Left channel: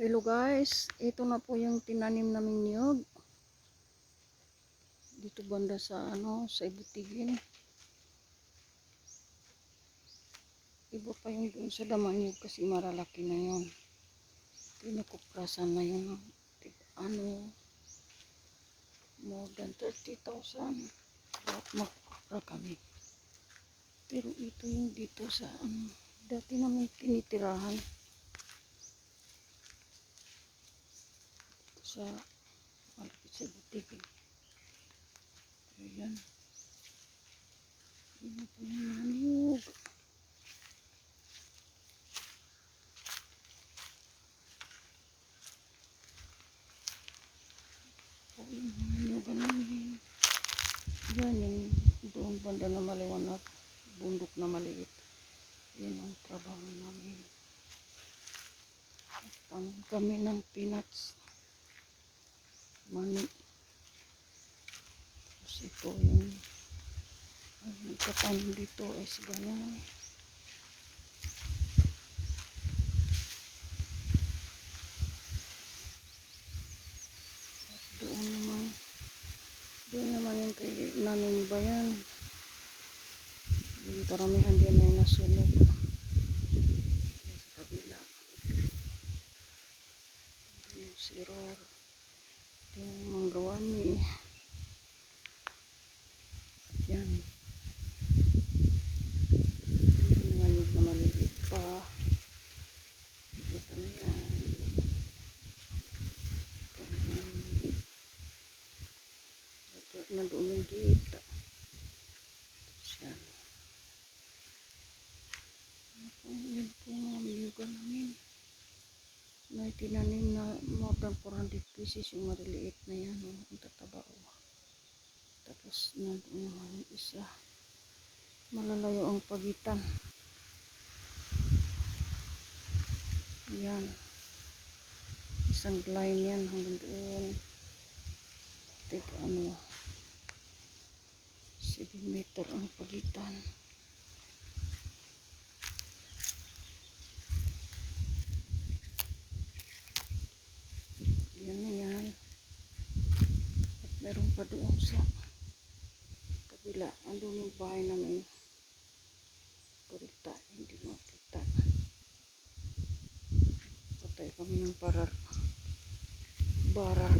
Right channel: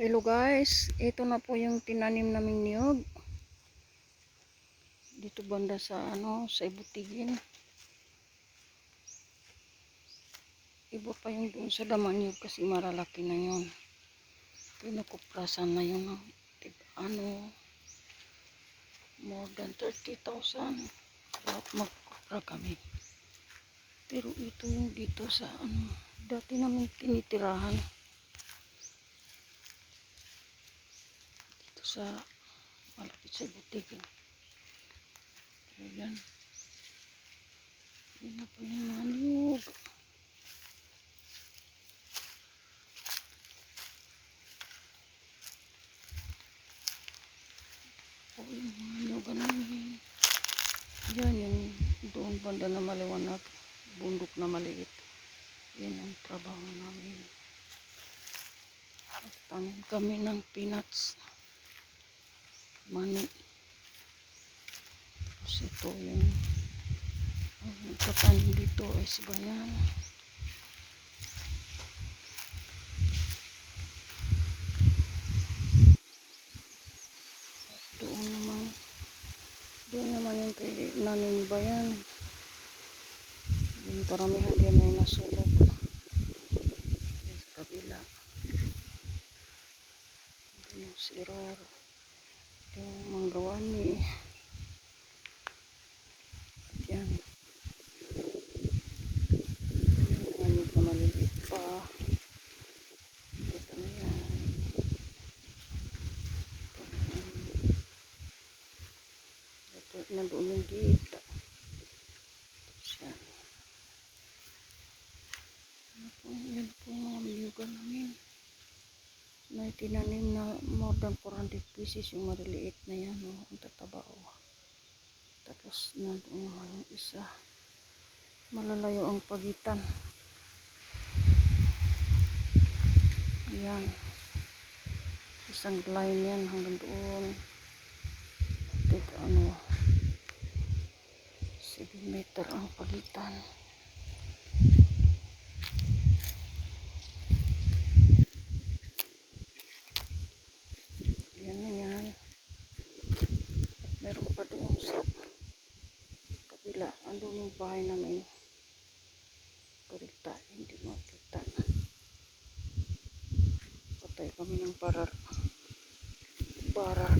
Hello guys, ito na po yung tinanim naming niyog dito banda sa sa Ibutigin. Iba pa yung doon sa daman niyog kasi malalaki na yun. Pinukuprasan na yun ng more than 30,000 ba't magkupra kami. Pero ito yung dito sa dati namin tinitirahan dito sa malapit sa Ibutigin. Ayan. Yan na po yung mga niyog. O yung mga niyog namin. Yan yung doon banda na maliwanag. Bundok na maliit. Yan ang trabaho namin. Tanim kami ng peanuts. Mani. Tapos ito yung katanim dito ay sibayan. Doon naman yung kay nanin bayan. Yung karamihan diyan ay nasulog. Sa kabila. Yung siror. Yung manggawani. Yan. Yung manig na maliliit pa. Ito na yan. Ito na doon yung gita. Yan. Yan po yung mga niyugan namin. Na tinanim na more than 400 pieces yung maliliit na yan. Ang tataba. Tapos nandoon naman yung isa. Malalayo ang pagitan. Yan. Isang line yan hanggang doon. 7 meter ang pagitan. Yan na yan. At meron pa doon sa kabila. Andun yung bahay namin. Kurita. Hindi makita. Patay kami ng barar. Barar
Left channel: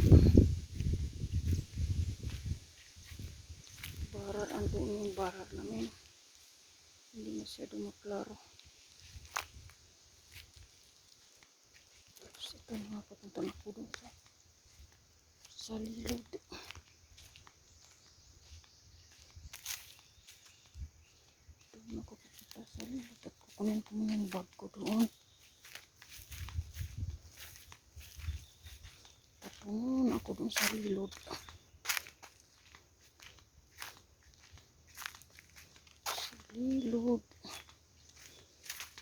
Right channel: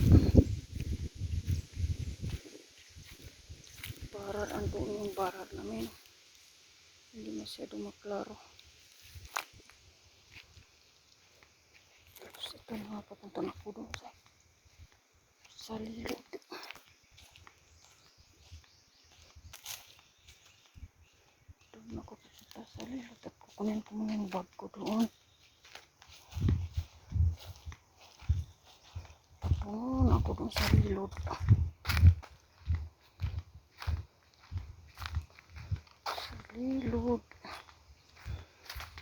andun yung barar namin. Hindi masyado maklaro. Tapos ito na papunta na po doon sa lilod. Doon ako papunta sa lilod at kukunin ko muna yung bag ko doon. Patungon ako doon sa lilod. Lilod.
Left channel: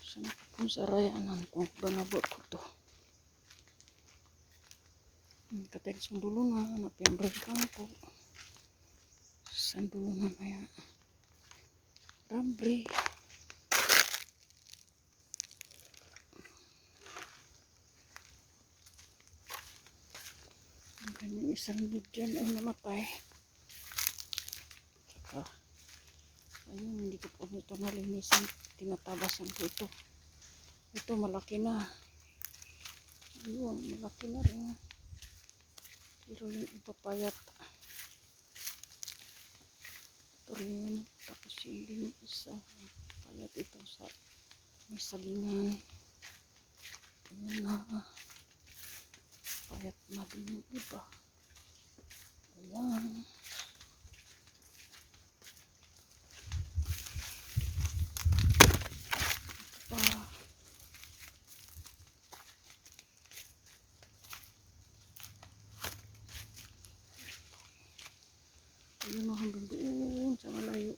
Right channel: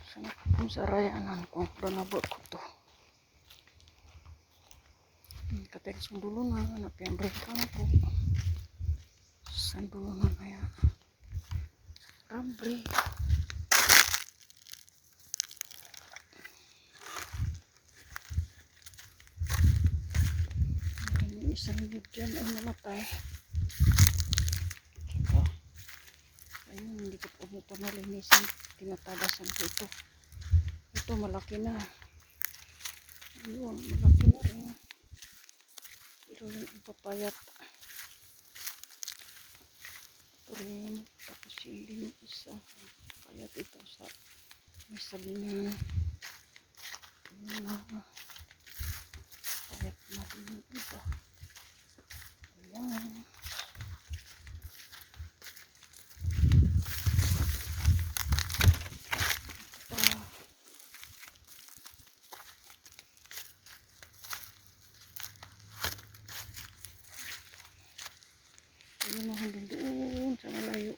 Sana ko pong sarayanan ko. Banabot ko to. Katay sa dulo na. Hanap yung breka na po. Sa dulo na kaya. Rambre. Yung isang niyog dyan ay namatay. Ayun, hindi ko po ito nalinisan. Tinatabasan ko ito. Ito malaki na. Ayun, malaki na rin. Pero yung ipapayat. Ito rin. Tapos yung din isa. Payat ito sa may sagingan. Ayun na. Payat na din yung iba. Ayan. Ayun na hanggang doon sa malayo.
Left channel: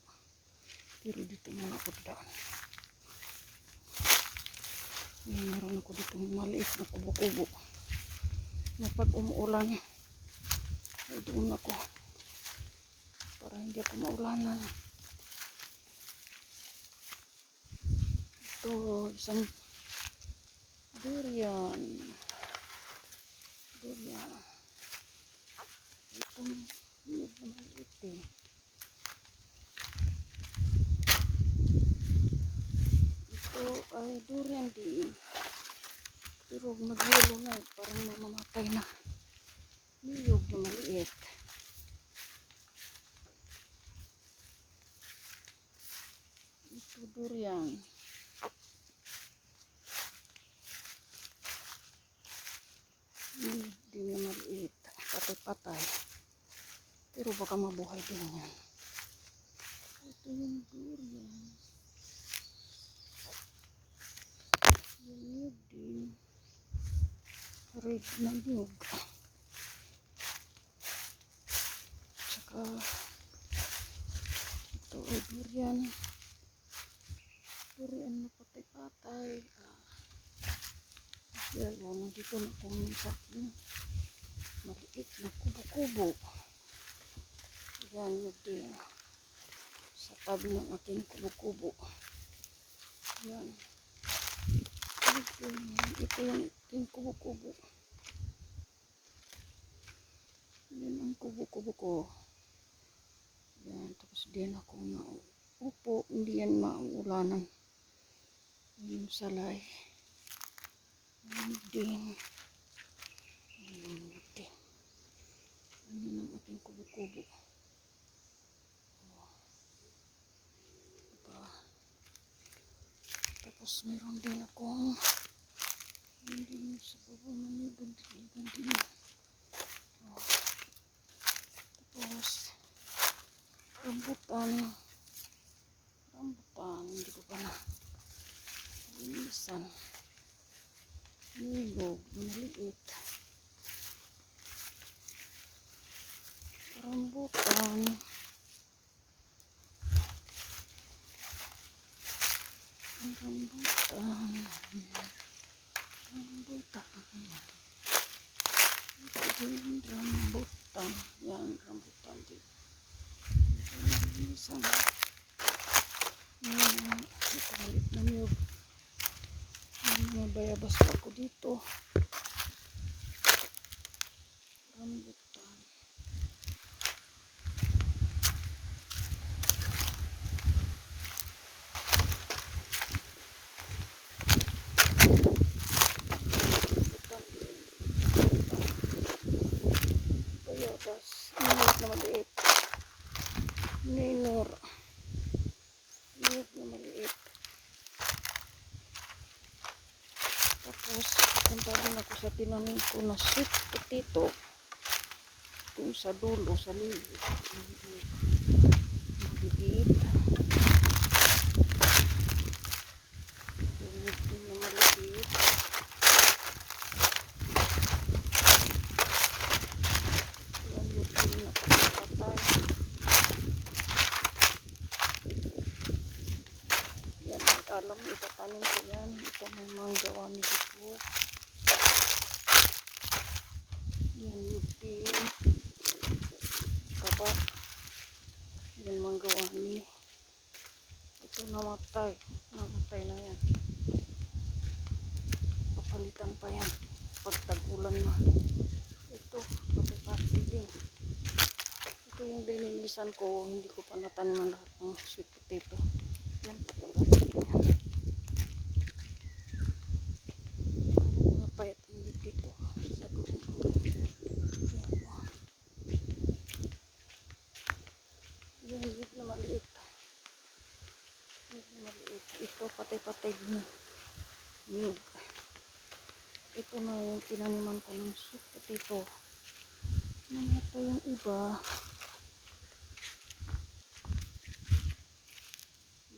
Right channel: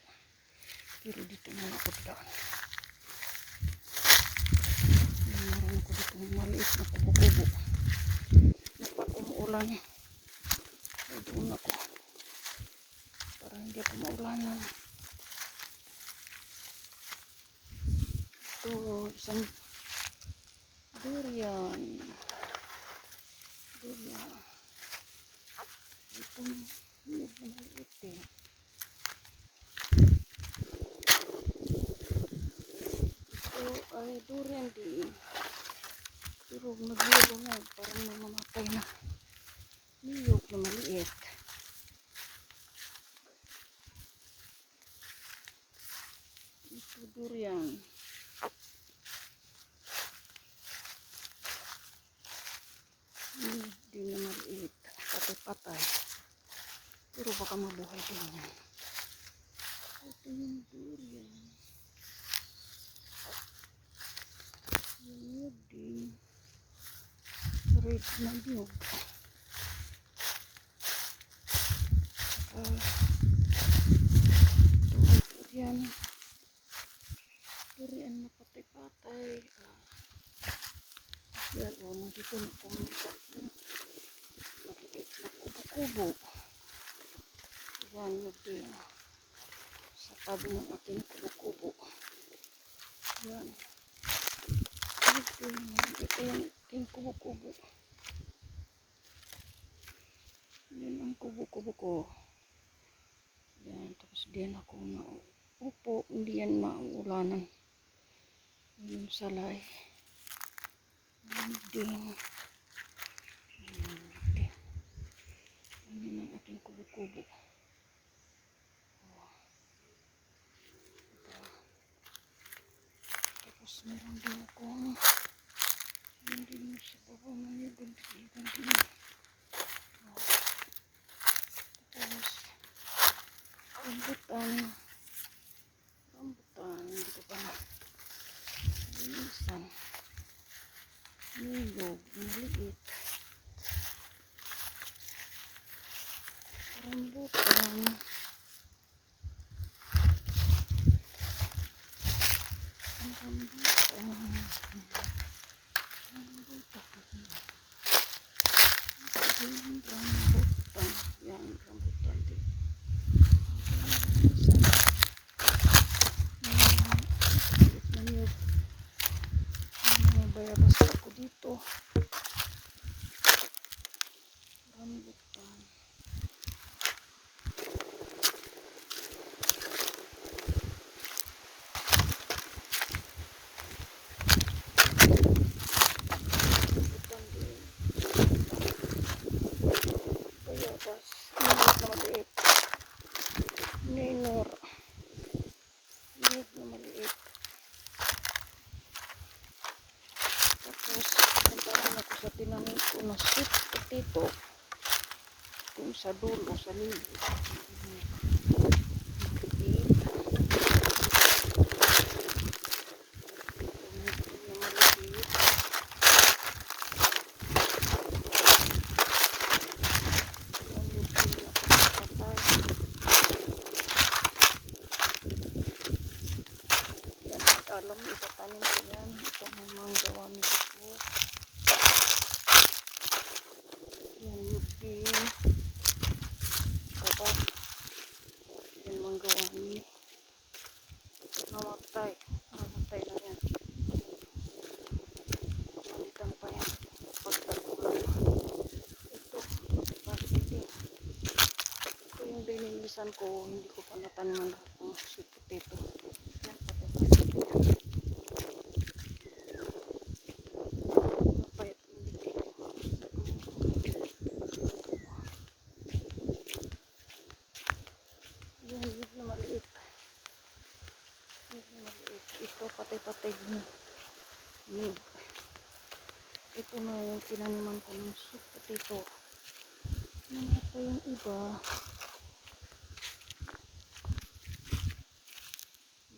Pero dito muna ako daan. Meron ako dito maliit na kubo-kubo. Na pag umuulan ay doon ako. Para hindi ako maulanan. Ito isang durian. niyog, nagyelo na. Parang may mamatay na. Niyog na maliit. Ito durian. Di na maliit. Patay-patay. Pero baka mabuhay din yan. Ito yung durian. Yung niyog din. Red na niyog. Tsaka ito yung durian. Durian na patay-patay. Dalawa mo dito na pumunta yung maliit na kubo-kubo. Yan yun din. Sa tabi ng aking kubo-kubo. Yan. Ito yung aking kubo-kubo. Yan ang kubo-kubo ko. Yan. Tapos diyan ako naupo. Hindi yan maulanan. Yung salay. Yan din. Yan ang aking kubo-kubo. Tapos meron din akong yun din sa baba manigan din. Tapos rambutan. Hindi ko pa na linisan. Niyog, maliit. Rambutan. Rambutan. Yan, rambutan din. Niyog. Bayabas ako dito. Rambutan. Bayabas. Niyog na maliit. Niyog na maliit. Tapos, punta rin ako sa tinanim ko na sweet potato. Kung sa dulo, sa lilit. Maliit. Ito yung maliit. Yan yung pinakapatay. Yan ang alam, itatanim ko yan. Ito may mga gawami dito. Yan yung pin. Kada yung mga gawami. Ito namatay. Namatay na yan. Palitan pa yan. Pagtagulan. Ito. Kapatid. Ito yung binilisan ko. Hindi ko pa natanim lahat ng sweet potato. Yan. Napayat hindi dito. Yan na maliit. Ito patay-patay din. Ito na yung tinaniman ko ng sweet potato. Ito yung iba.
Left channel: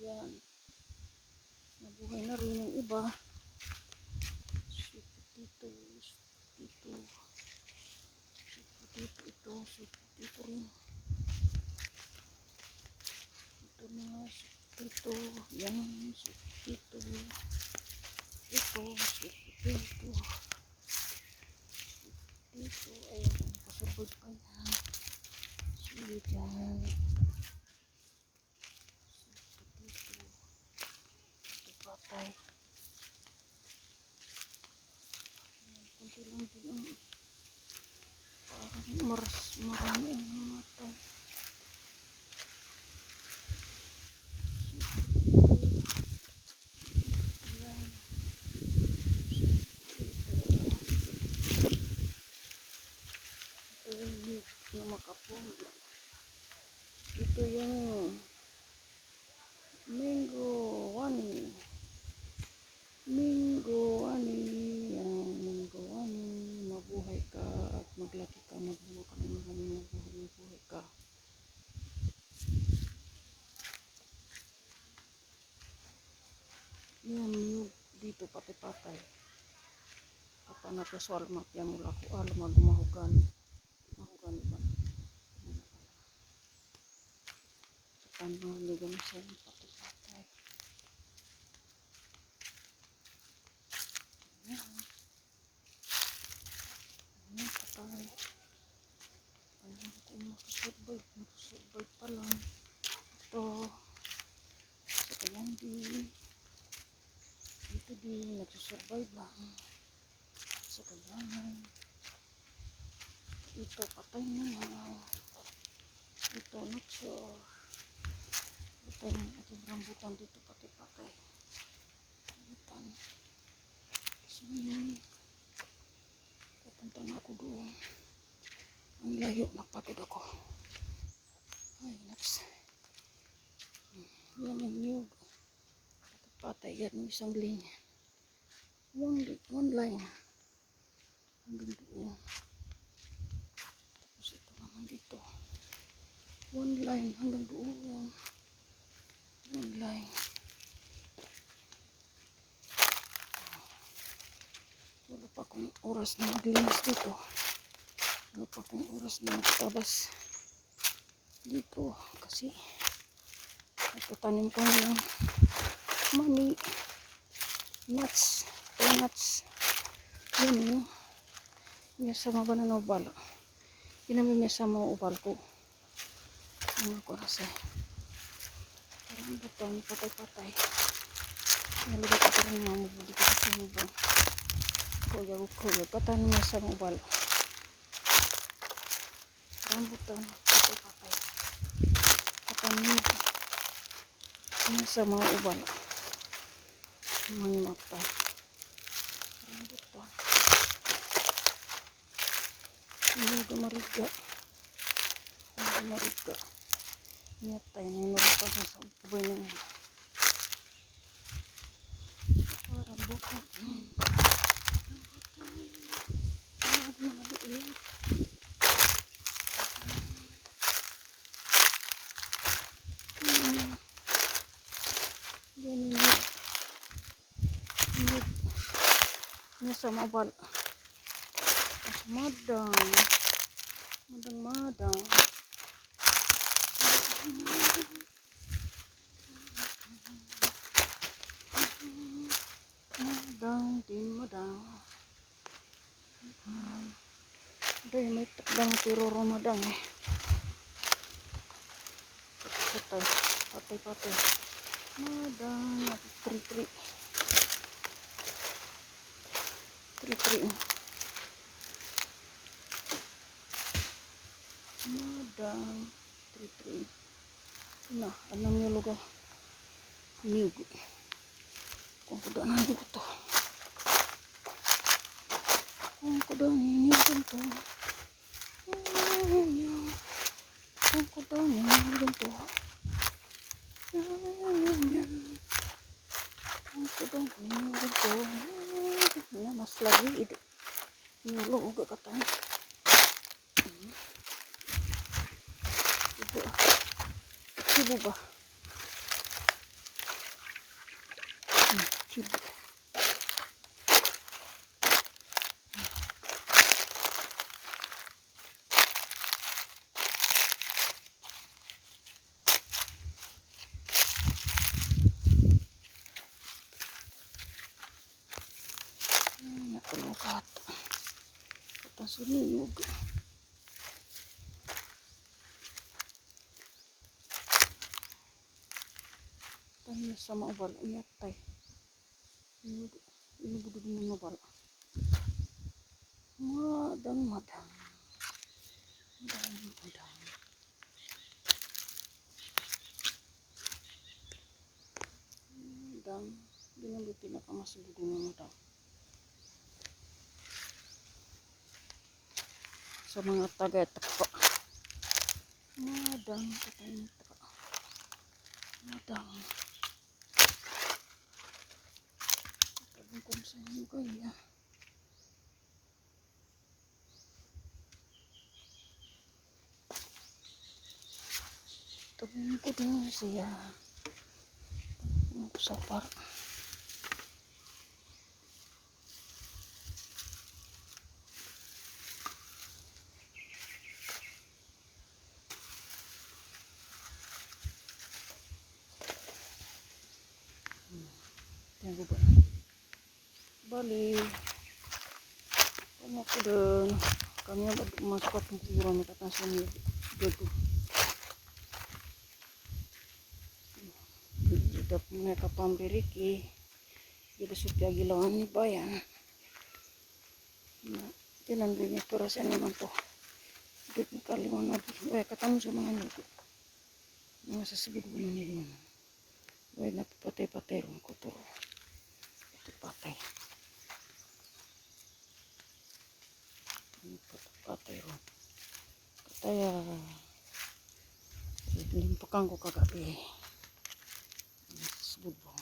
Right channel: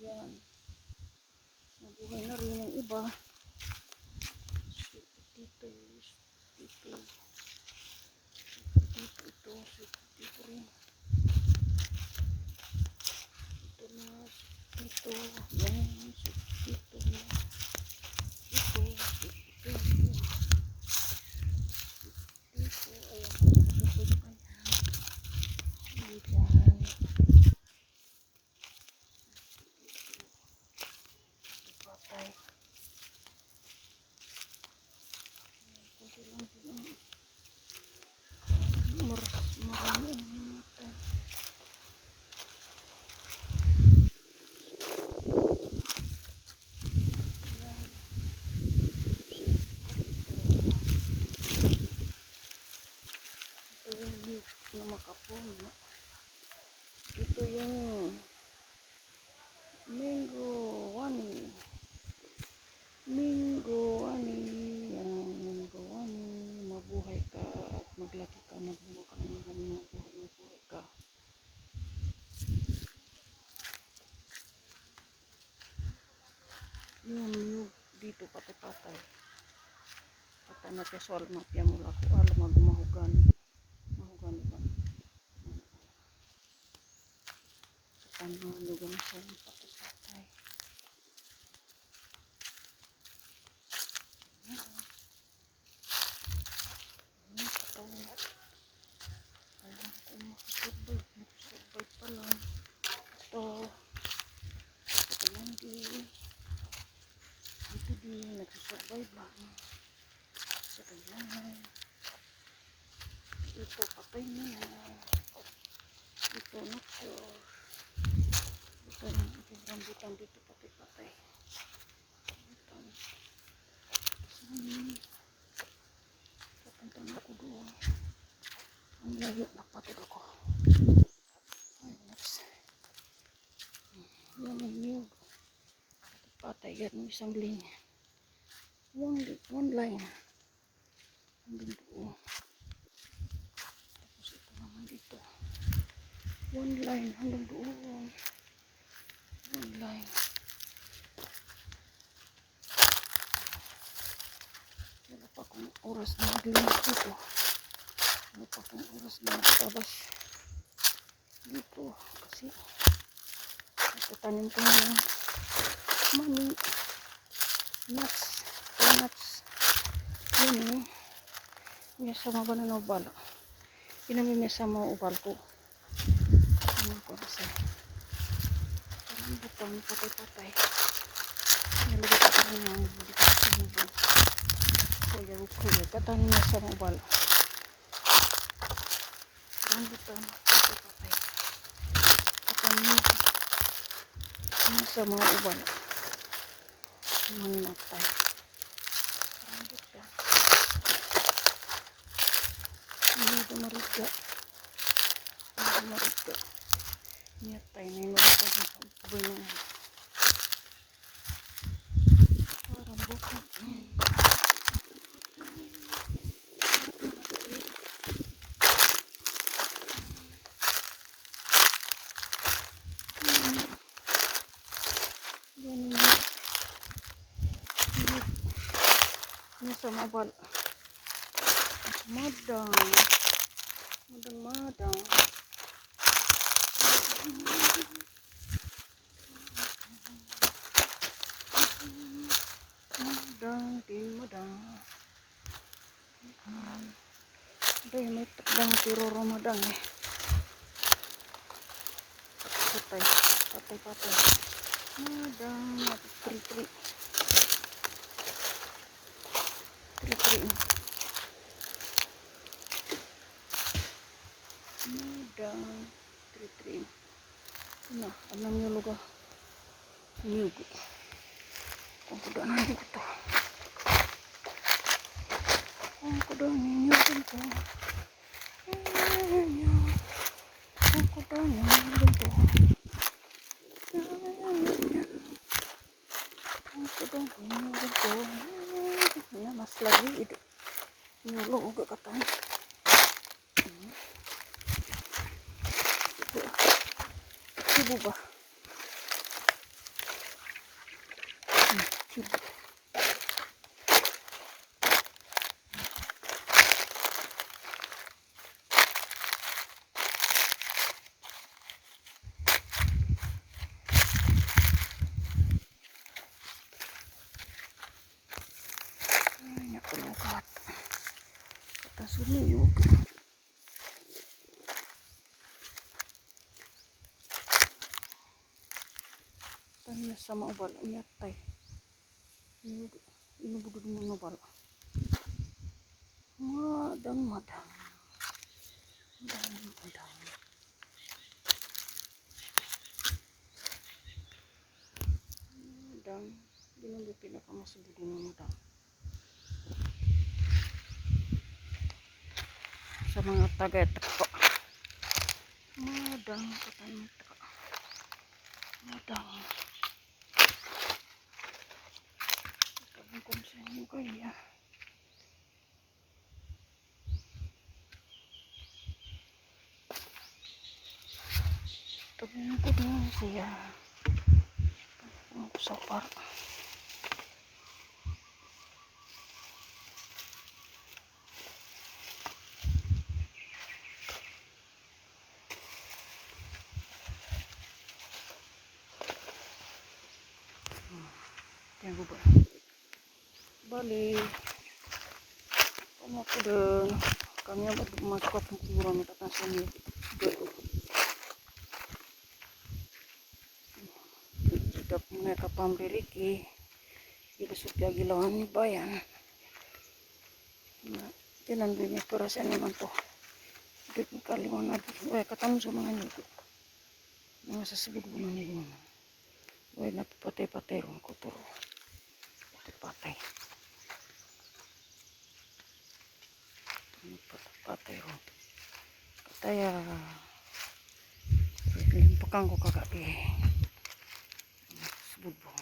Yan. Nabuhay na rin yung iba. Sweet potato. Ito. Sweet potato rin. Ito na. Sweet potato. Yan. Sweet potato. Ito. Sweet potato. Ito. Ayan. Sabay ka na. Sweet yan. Patay. Kunti lang din marami ang namatay. Yan. nakapuno. Ito yung Mango Wani. Mango Wani. Yan, Mango Wani. Mabuhay ka at maglaki ka. Mabuhay ka. Mabuhay ka. Yung dito pati-patay. Kata na to soal mapya mula ko alam mahugan. Mahugan ba? Sa tanong juga na sa pati-patay. Ayan, katawin. Alam ko makasurvive. Makasurvive pa lang. Ito. Ito lang din. Ito din. Nagsusurvive lang. Sa kanya. Ito patay na yan. Ito not sure. Ito yung ating rambutan dito patay. Rambutan. Sini. Papuntan ako doon. Ang layo na patid ako. Ay, next. Yan ang niyog. Patay yan ng isang linya. One line. Hanggang doon. Tapos ito naman dito. One line hanggang doon. One line. Wala pa akong oras na maglinis dito. Wala pa akong oras na magtabas dito. Kasi nagtatanim ko ng mani. Nuts. Nuts. Yan yun. Yung sama ba na ubal? Pinamin niya sa mga ubal ko. Ano ko kasi. Parang butang patay-patay. Nalugod ako rin mga mabuli ko sa sinubong. Kaya ko katanin niya sa mga ubal. Parang butang patay-patay. Katanin niya sa mga ubal. Mga matay. Parang butang. Hindi dumariga. Nyatay na yung pa sa sabay na yan. Parang bukod. Yan yung nasa mabal. Nasa madang. Madang. Madang. Doy, may takdang tiro Ramadan. Patay. Madang. Tri-tri. Madang. Tri-tri. Nah, ano nyo lugar? Niyog. Kung kuda na niyog ito. Kung kuda na niyog ito. Kung kuda na niyog ito. Kung kuda na niyog ito. Mas lagi ito. Niyulong uga katang. Sibu ba? Sibu. Ay, nakulong kata suniyog. Tanya sama ubal nyatay. Inubudod mo ubal. Madang. Di na di pinakamasugod ng madang. Sa mga taga-takpo. madang katanta. Madang. Tabang ko sa inyo kaya. Tabang ko din siya. Tabang ko sa park. Yan ko ba? Bali. Kamu ko din. Kanya masuk at kuburan na katasan niyo. Dito. Dito muna kapamriliki. Dito supya gilawan ni bayan. Na, tinan din ko rasa naman to. Dito kaliwan na. Katamu sa mga nito. Mga sasabid mo na nito. Napapatay-patay ron ko to. Patay. Patay ron. Kaya limpakan ko kagabi. Sabud mo.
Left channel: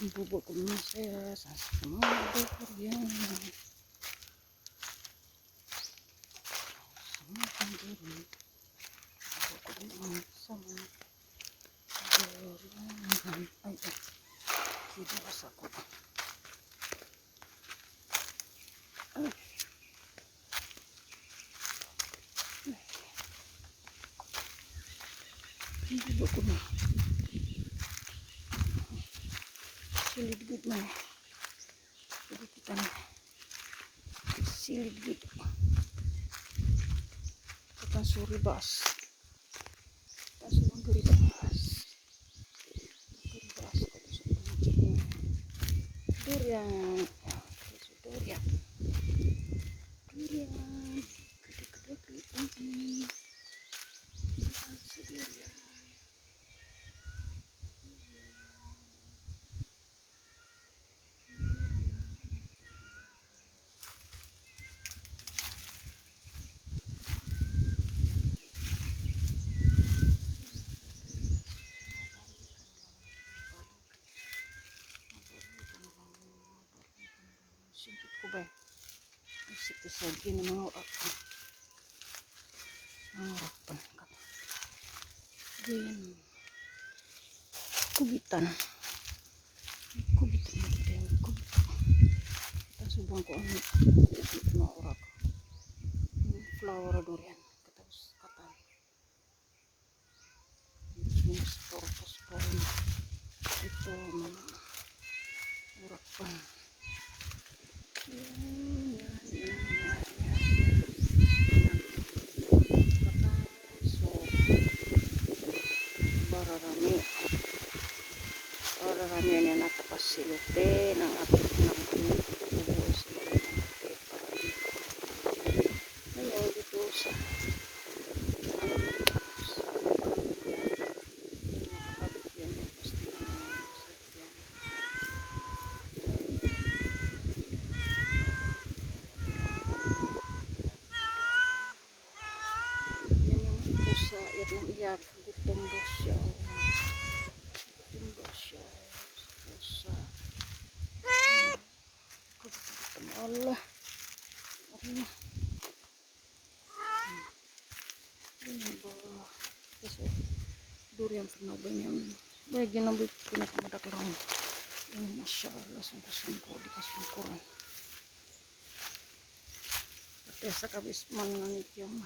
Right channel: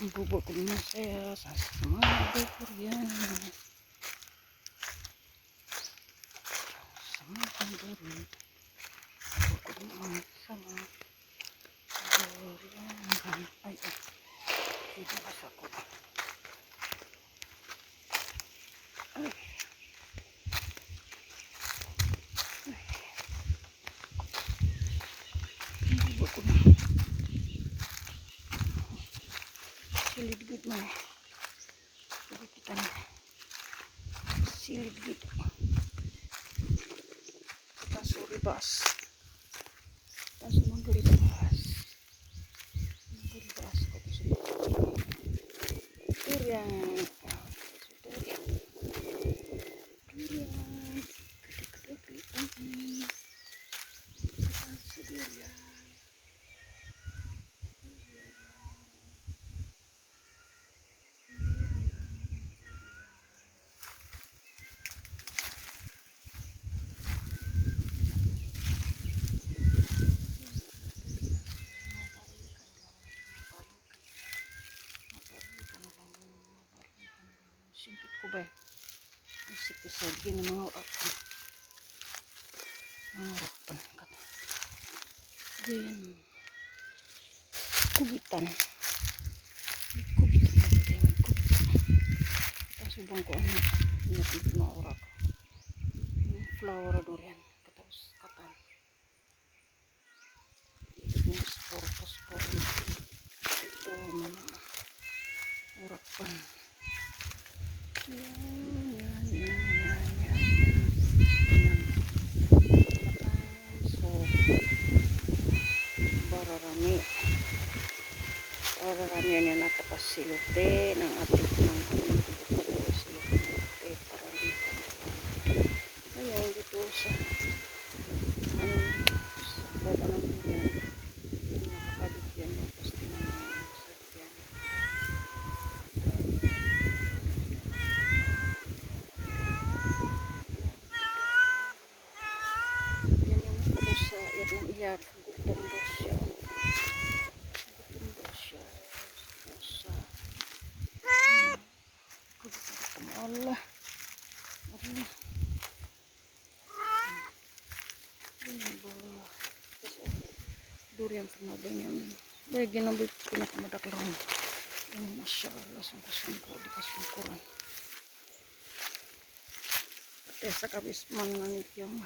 Ang bubo ko naman saya sa mga Korean. Sa mga kanduri. Bubo ko naman sa mga Korean. Ay, hindi basa ko. Ay. Bubo ko naman. Silid-gid na eh. Jadi kita nih silid-gid. Kita suri bas. Kita semua dari bas. Dari bas kok durian. Durian. Durian. Gede-gede durian. Simpit ko ba? Isip ko sa gini mga orak. Mga orak pa na ka. Diyan. Kubitan. Kubitan na ito. Kubitan. Tapos subang ko ano. Napit na orak. Flower durian. Tapos katan. Spor. Ito mga orak pa. Yan. So, bararami yan na tapos silupe ng atik ng silupe parami. Ngayon dito sa palang yan nakakabit yan ng postingan ng sakyan. Yan yung pusa yan ang iyak gutong dosya pusa Allah ini durian pernah banyak bagi nabi pinakamadak lang ini masya Allah sungguh dikasih kurang katesa kabis mananit yung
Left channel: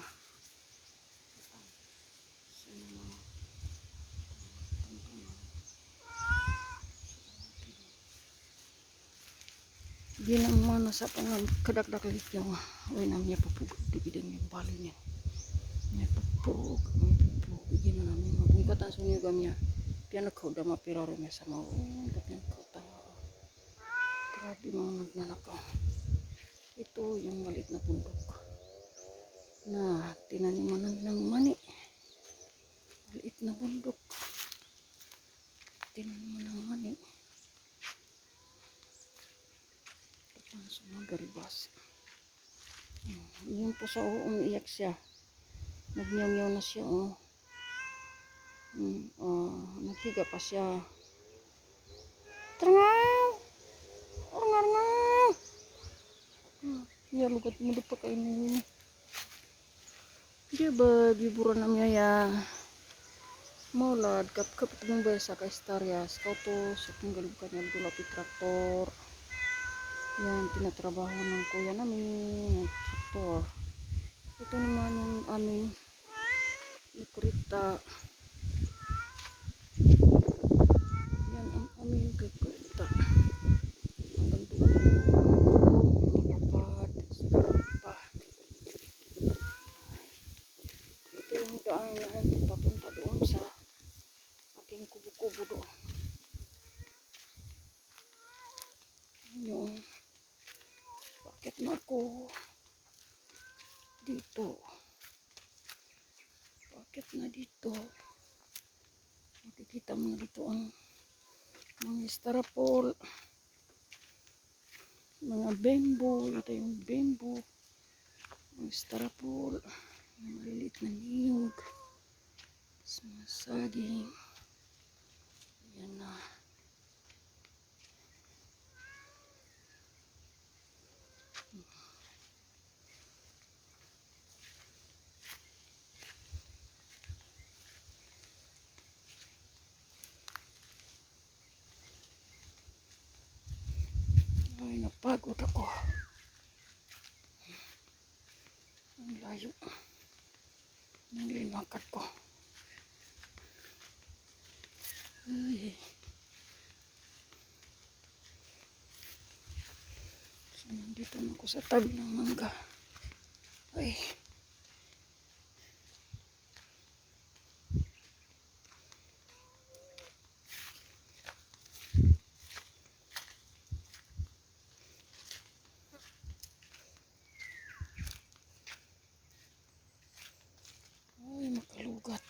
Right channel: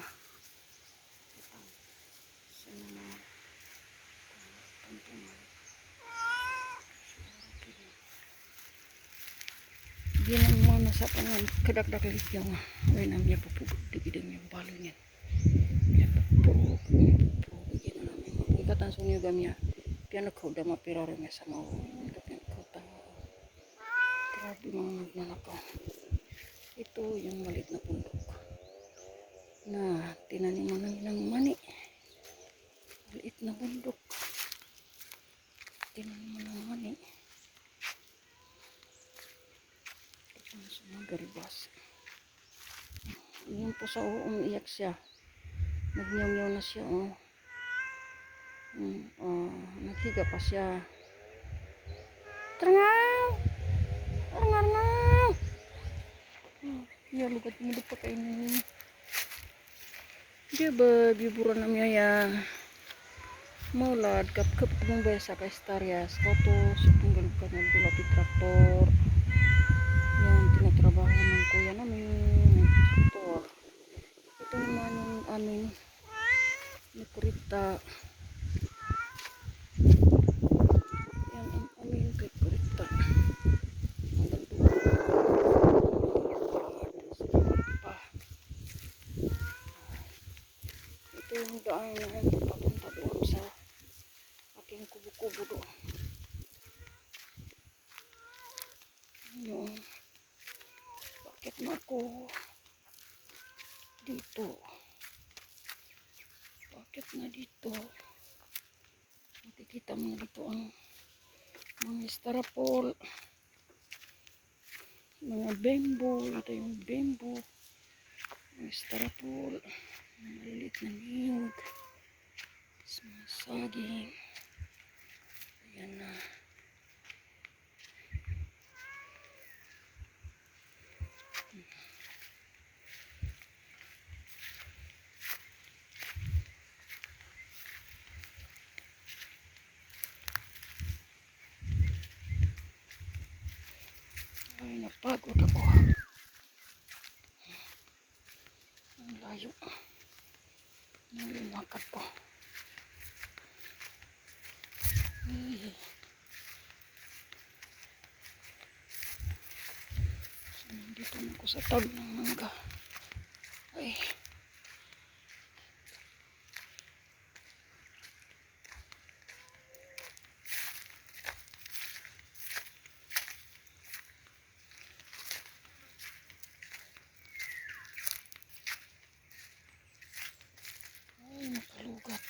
Ginang mana sa pangan kadak-dak lik yung ay namanya pupug di bidang yung balo niya. Ya pupug gina namin mapungkatan sa niyo gamya. Piano ko da mapirare me sama tapi ko ta. Grabe mga nagnanakaw. Ito yung maliit na bundok. Na tinaniman ng mani. Maliit na bundok. Tinaniman ng mani. So, Magalbas. Yun po sa umiiyak siya. Nagyaw-yaw na siya. Naghiga pa siya. Tarangaw! Tarangaw! Ya, lugat mo pa kainin. Diba, biburan na miya ya. Maulad, kap-kap mong besa ka Starias. Tapos, tinggal ka niya dula traktor. Yan, tinatrabaho ng kuya namin. Ng traktor. Ito naman yung aming kurita. Yan ang aming kurita. Hanggang doon. Ito yung daan na papunta doon sa aking kubo-kubo doon. Ano, bakit na ako dito? Bakit na dito? Nakikita mo dito ang mga styrofoam, mga bamboo. Ito yung bamboo, mga styrofoam, mga maliliit na ning, mga saging. Ayan na. Ay, napagod ako. Ang layo ng linakad ko. Ay. So, nandito na ako sa tabi ng mangga. Ay. Ay, nakalugat.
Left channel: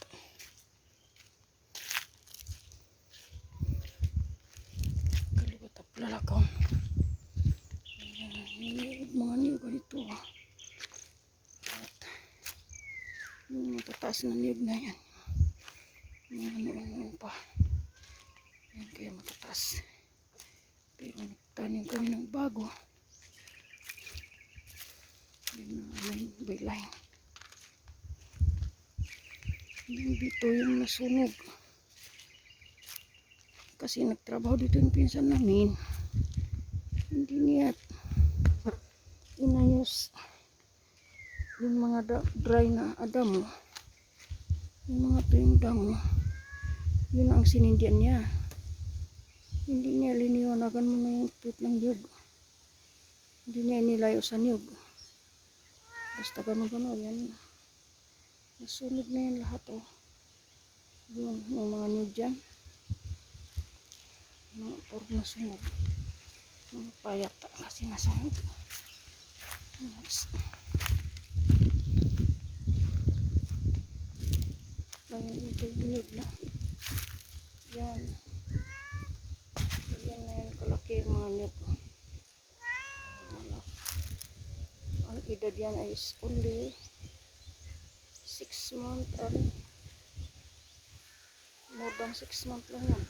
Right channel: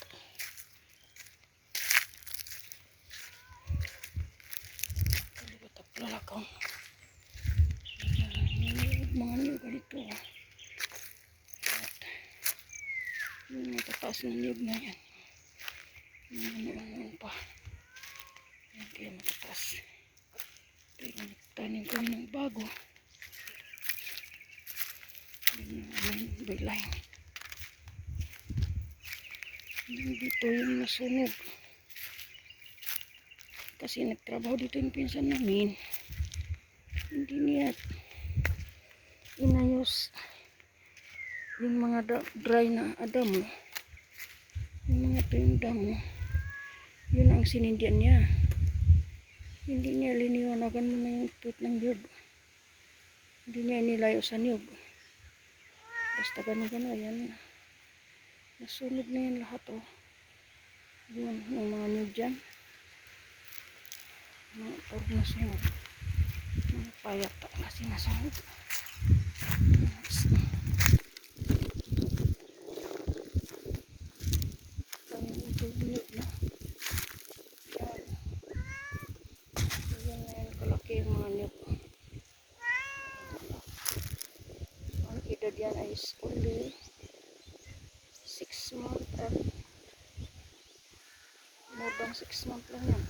Nakalugat ang lalakang. Mga niyog dito. At yung matataas na niyog na yan. Mga ano pa. Yan kaya matataas. Pero nagtanim kami ng bago. Yung aming bilay. Dito yung nasunog. Kasi nagtrabaho dito yung pinsan namin. Hindi niya inayos yung mga dry na adamo. Yung mga tuyong damo. Yun ang sinindihan niya. Hindi niya liniwanagan mo na yung tweet ng niyog. Hindi niya inilayo sa niyog. Basta gano'n-gano'n. Ayan. Nasunog na yan lahat Yun, yung mga niyog dyan. Mga puro nasunog. Mga payata kasi nasunog. Ayan, ito yung niyog na. Yan. Yan na yung kalaki yung mga niyog. Ang edad yan ay only 6 months and more than 6 months lang yan.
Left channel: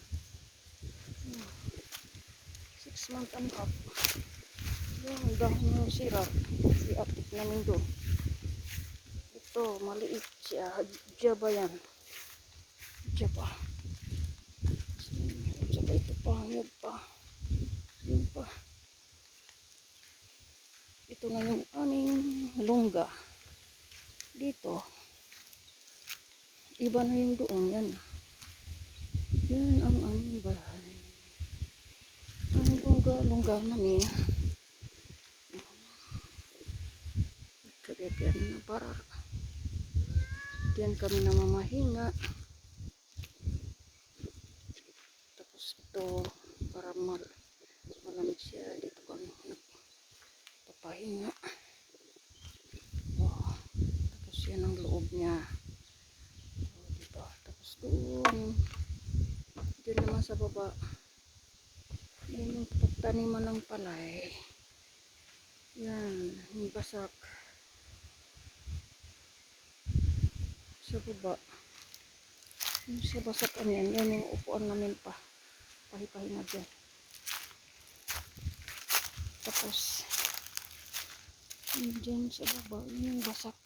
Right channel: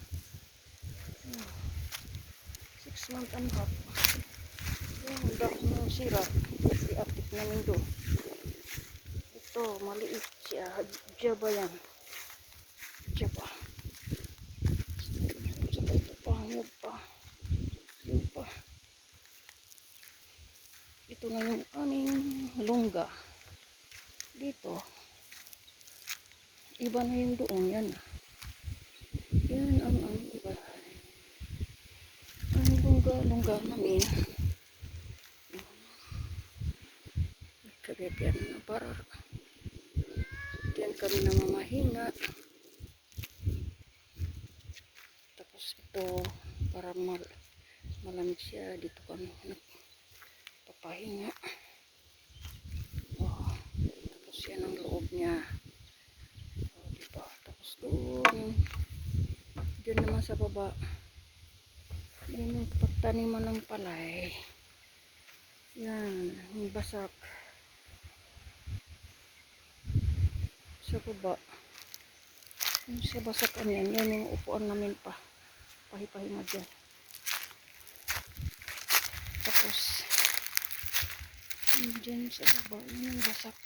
6 months and half. Yan, ang dahon ng sira. I-apit namin doon. Ito, maliit siya. Jaba yan. Jaba. Saka ito pa, hangad pa. Yun pa. Ito na yung aming lungga. Dito. Iba na yung doon. Yan. Yan ang aming bahay. Ang lungga namin. Kagagyan na para. Diyan kami namamahinga. Tapos ito, para malamig siya. Dito kami nagpapahinga. Tapos yan ang loob niya. Diba? Tapos doon, dyan naman sa baba, yan yung pagtaniman ng palay. Yan, yung basak. Sa baba. Yung sa basakan yan, yan yung upuan namin pa. Pahipahinga dyan. Tapos, yun dyan sa baba, yun yung basak.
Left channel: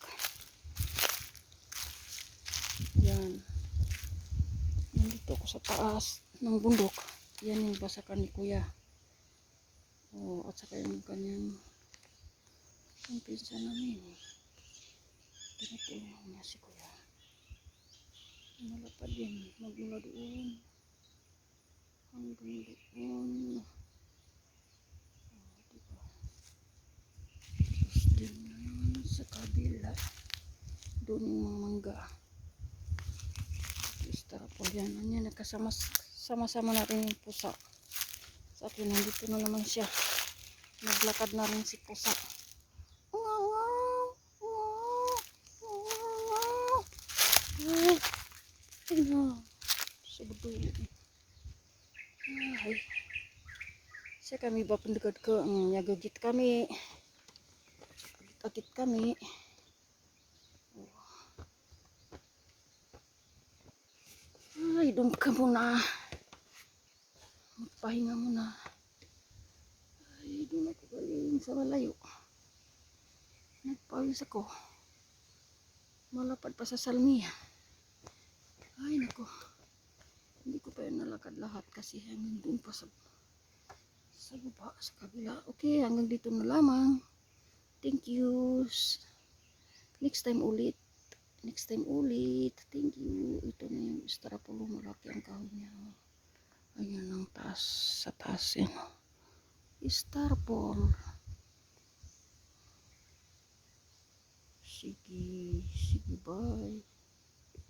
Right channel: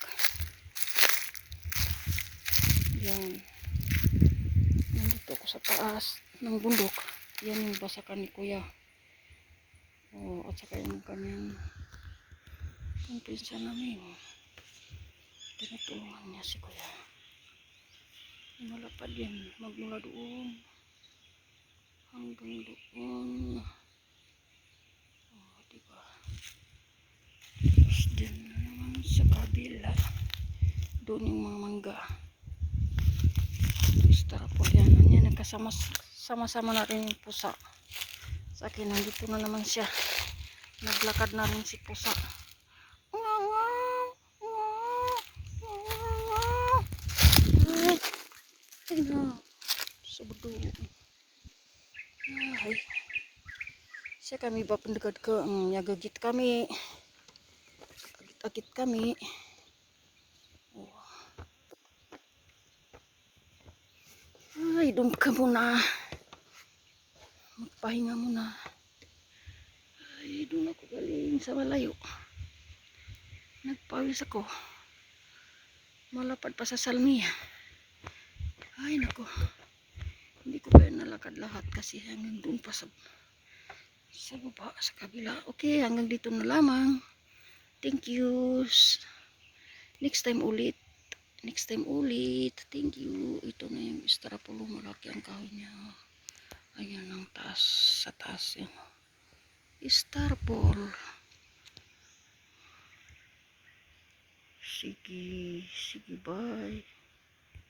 Yan. Nandito ko sa taas ng bundok. Yan yung basakan ni Kuya. Oh, at saka yung kanyang pinsa namin. Tinutulungan niya si Kuya. Malapad yan. Magmula doon. Hanggang doon. Oh, diba? Tapos din na naman sa kabila. Doon yung mga mangga. Starapol yan. Yan, sama-sama na rin yung pusa. Sa akin, nandito na naman siya. Naglakad na rin si pusa. Sabdo. Ay. Siya kami ba pendekad ke nyagagit kami. Agit-agit kami. Oh. Ay, dum ka muna. Magpahinga muna. Ay, doon ako galing sa malayo. Nagpawis ako. Malapad pa sa salmi. Ay, nako. Hindi ko pa nalakad lahat kasi hanggang doon pa sa baba, sa kabila. Okay, hanggang dito na lamang. Thank you. Next time ulit. Next time ulit. Thank you. Ito na yung Strapulo. Malaki ang kahoy niya. Ayan ang taas. Sa taas yan. Starpole. Sige. Sige, bye.